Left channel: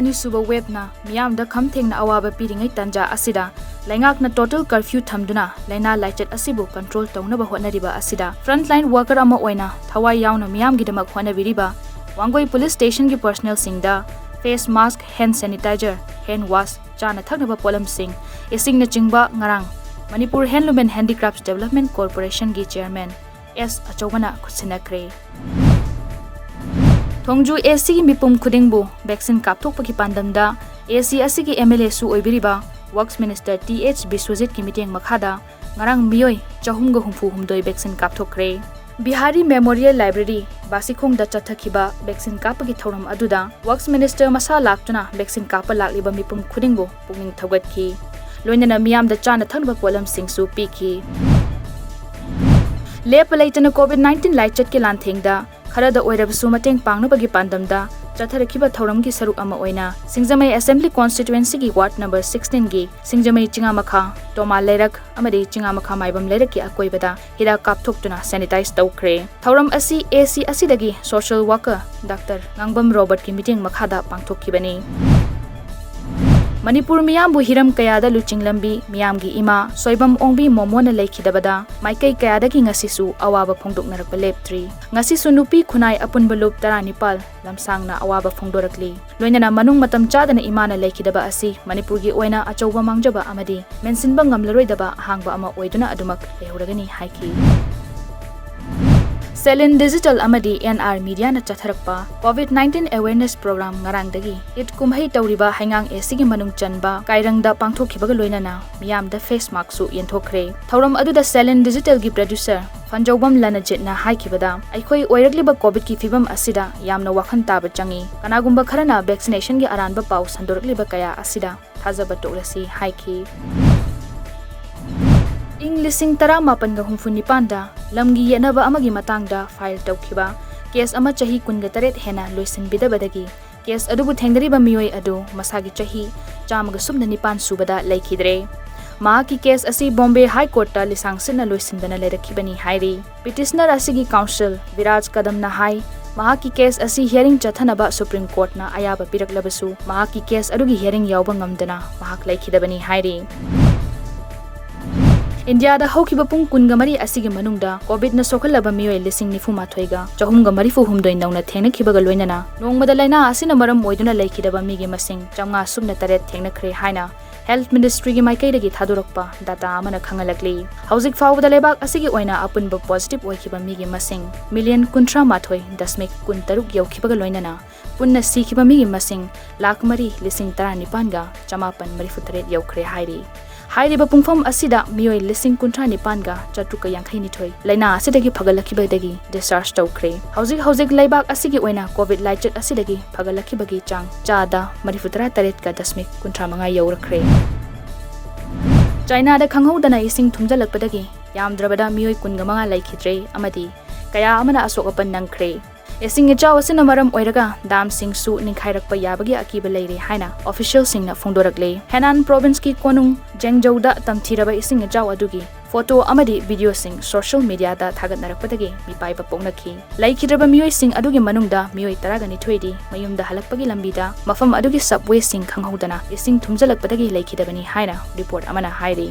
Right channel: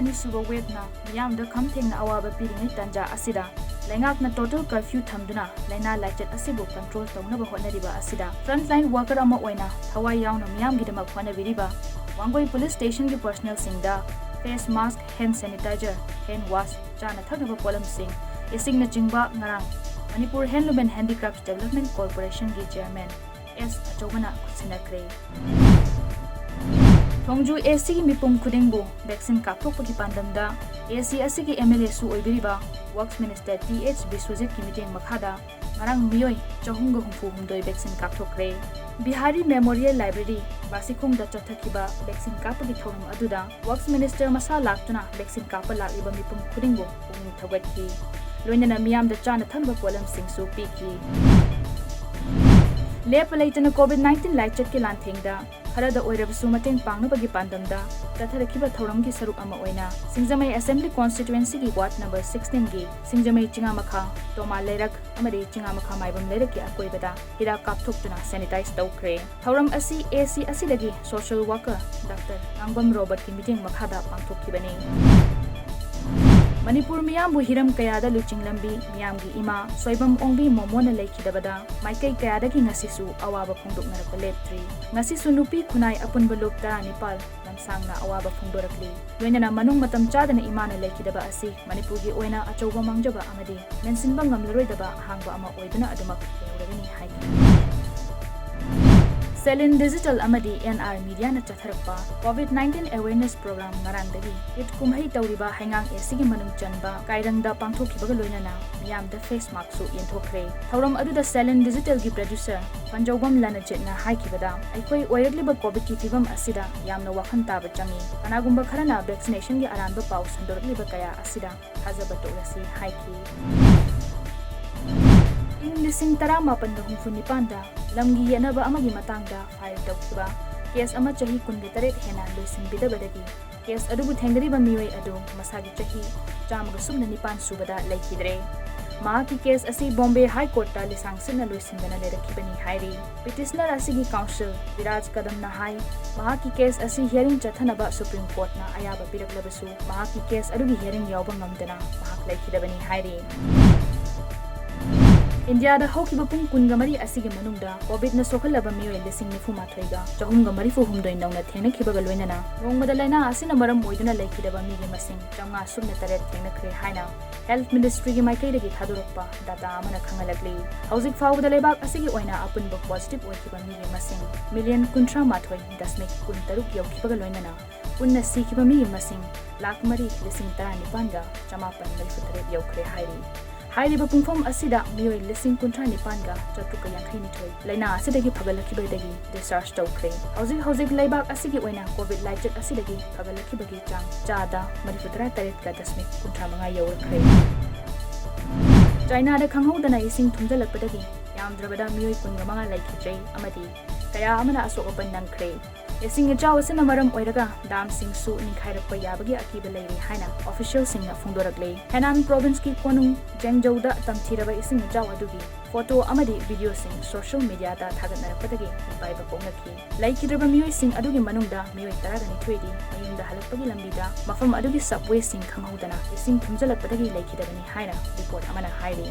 अनिसुबा वेबना मियामदा खमथेंगना अवाबा पीरिङै तंजा असिदा लैंगाकना total curfew थमदुना लैना लाइचट असिबु कंट्रोल तौनबा होटनरिबा असिदा फ्रंटलाइन वर्कर अमा ओइना थवाई यावना मियामगिदमक होटनबिरिबा वांगोई पुलिस स्टेशन की पर्सनल सिंगदा face mask hand sanitizer hand wash चाना थकनबा पोलम सिंग इसिंगना चिंगबा ngarang Manipur handloom and handicrafts development corporation की चेयरमैन एस अचौबना खुसिनक्रे थोंजू एसी की मिपुम खुदिंगबु वैक्सीन कापथोकपगी पांदमदा एसी असिगी एमएलए सु ओइबिरिबा वर्क्स मिनिस्टर टीएच बिश्वजित की मीटिंग मखादा ngarang मियोय 464 vaccine कापथोकरे Bihari memorial library बासिखोंग दा चथखिबा वैक्सीन कापगी थौरम अदुदा वर्क्स मिनिस्टर मसा लाक्तुना वैक्सीन काप लाक्लिबा मिपुम खुदिंगबु पुंगिंग थगतखि लोइनना मियाम दा चाना थनबा पोलम सिंगसु पीखि लेप लैतना कोविड-19 लाइचट के लांथेंगदा खरदा ओइरबसु मतेंग पांगनबगी पांदमदा चथरखिबा थौरमगी सरुक अमा ओइना सिंगजमै असेंबली कॉन्स्टिट्युएंसी की वार्ड नंबर 16 की सिंगजमै चिंगामखा तोमा लेरक अमदि चिंगामखा माइबम लेरक की अकोइबदा हिरा कापथोक्तुना सैनिटाइज तौख्रे थौरम असी एसी असिदगी social worker doctor ngangbam Robert की मीटिंग मखादा पांगथोक्खिबनी मणिपुर मियामबु हिरम कयादा लुचिंग लंबी मियामगी इमा सोइबम ओंबी मोमोना लेखिदबदा माइकै कयादगी ngasisu अवाबा फोंदोकनरप लेप्ट्री ngasisu नुपी खुनाई अपुनब लुप 19 लमसांगना अवाबा फोंदोरकली लोइनना मनुंग मतम चादना इमाना लेखिदबा असि मणिपुरगी ओइना अचौबा मांगजबा अमदि मेंसिनबा ngamlaroidaba हांगबा अमा ओइदुना अदुमक लेहौरगनी हाइकी सेलिन डिजिटल अमदी एनआर मीडिया न चथरकपा कोविड-19 अवेयरनेस प्रोग्राम ngarangdagi इत कुमहै तौरिबा हाइंगांग एसिगी मनुंग चनबा काइरंगदा पांगथोखिबगा लोइनना मियामदा फेस मास्क सु येंथोखरे थौरम अदुदा सेलिन डिजिटल की प्रोड्यूसर फंजौबम लनजितना हाइखिबदा अइखोइ ओइरकलिबा कोविड की फिबम असिदा यामना वखन ताब चंगी कनागुंबा खरना वैक्सीनेशन की अरानबा पाउ संदोरकलिबा कया असिदा थाजबा तोरसी हाइखि इंग लिसिंग 1969 लमगी येनबा अमगी मतंगदा फाइल तौखिबा केस अमा चही 19 हेना लोइसिनबिदबदगी केस अदुबु थेंगरिबा मियोय अदु मसागी चही 119 सुबदा लेखिद्रे मा की केस असी बॉम्बे हाई कोर्ट ता लिसांगसिना लोइसिनदना लेरखिबनी हाइरी पिटिशनर असिगी काउंसिल विराज कदमना हाई मा की केस असी हियरिंग चथनबा सुप्रीम कोर्ट ना अयाबा पिरकलबसु मा की केस अदुगी हियरिंग यावबा ngamdana महाक लेखिदबनी हाइरी इंडिया दा हौखिबा पुंग कुनगमरी असिगी मनुंगदा कोविड न सोखलबा मियोय लिसिंग निफुमाथोइगा चहुमगमरी फुहुमदोइ नौना थेंगनखिबगा लोइनना नोंगमदा लाइना असिना मरम ओइदुना लेखिदबा मिगी मसिंग 503 थेंगनख्रे हाइना हेल्थ मिनिस्ट्री की माइकैदगी थादोरकपा डाटा अमना खंगलकली हौजिक फाउबदा लेबाक असिगी ओइना अपुनबा पॉजिटिव ओइखिबा मिगी मसिंग मिलियन 13.13 यौखिबगा लोइनना पुन्ना सिखिबा मिगी मसिंग 1,19,19,943 यौखरे हाइरी हाइरिबा पुंगफम असिदा मियोय 19,19,452 लाइना असिदगी फगलखिबदगी डिस्चार्ज तौखरे हौजिक लाइबाक असिगी ओइना कोविड लाइचट असिदगी फगलखिबगी चांग चादा 43.35 यौरखरे चाइना दा खंगौदना इसिंग थुमजलकपदगी यामद्रबदा मियोय 15 लाइखिद्रे अमदी कया अमना असोकपन नंखरे इसिंग इचाव असिना मरम ओइरगा दाम सिंगसु निखाइरकपा याबगी अकीबा लेरे हाइना ऑफिशियल सिंगना फोंदोरकले हेनान प्रोविंस की कोनुंग जेंगजौदा तमथिरबा इसिंग इचाव अदुगी फोटो अमदी वीडियो सिंग सोशल मीडिया दा थागतनरकपदगी मिपाइबा पोंगनखि लाइखिद्रबा मियोय सिंग अदुगी मनुंगदा मियोय 12 मयुमदा हलकपगी लंबीदा मफम अदुगी सबवे सिंग खंगौदना इसिंग थुमजलकपदगी लाइखिदबनी हाइना रिपोर्ट अमना हाइरी